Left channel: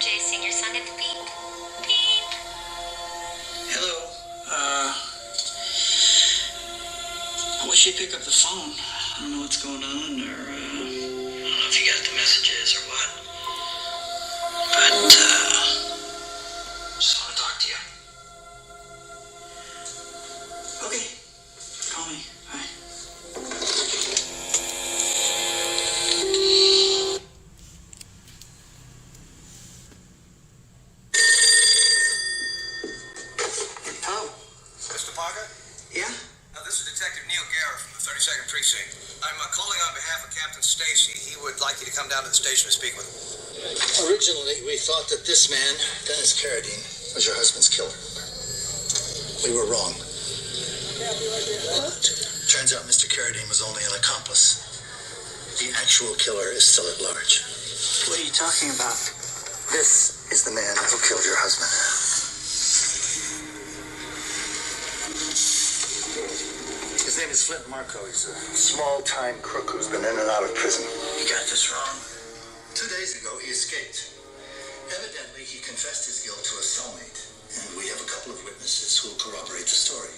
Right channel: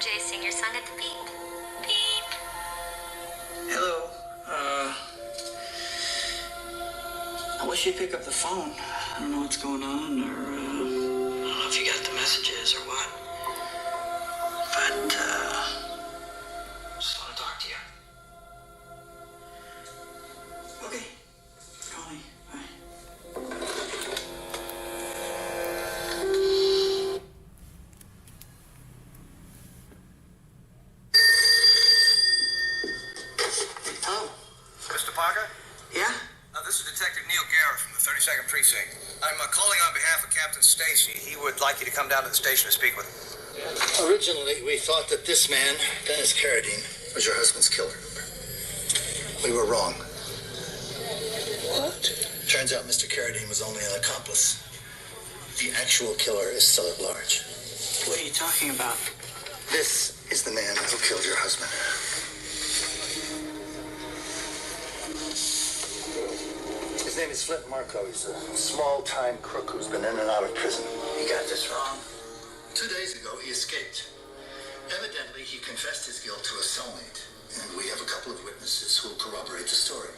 MJ, sing your song at the beep. Beep. Hello. I wish you'd pick up the phone. I don't know what's going on, or, I don't know if you got the messages or what. But, just want to talk to you. Okay. Call me. Bye. Hello? Mr. Parker? Yeah? This is Detective Neil Garrett from the 32nd Precinct. I'm calling on behalf of Captain Stacy. He would like you to come down to the station to speak with him. Originally, we thought that this man, Dennis Carradine, was your husband's killer. We were wrong. What? Turns out Mr. Carradine was only an accomplice. The actual killer is still at large. What are you talking about? This is the man who killed your husband. His name is Flint Marco. He's a small-time crook who's been in and out of prison. You got this wrong. 2 days ago, he escaped. Evidently, he confessed his guilt to a cellmate, and we have a couple of witnesses who will corroborate the story.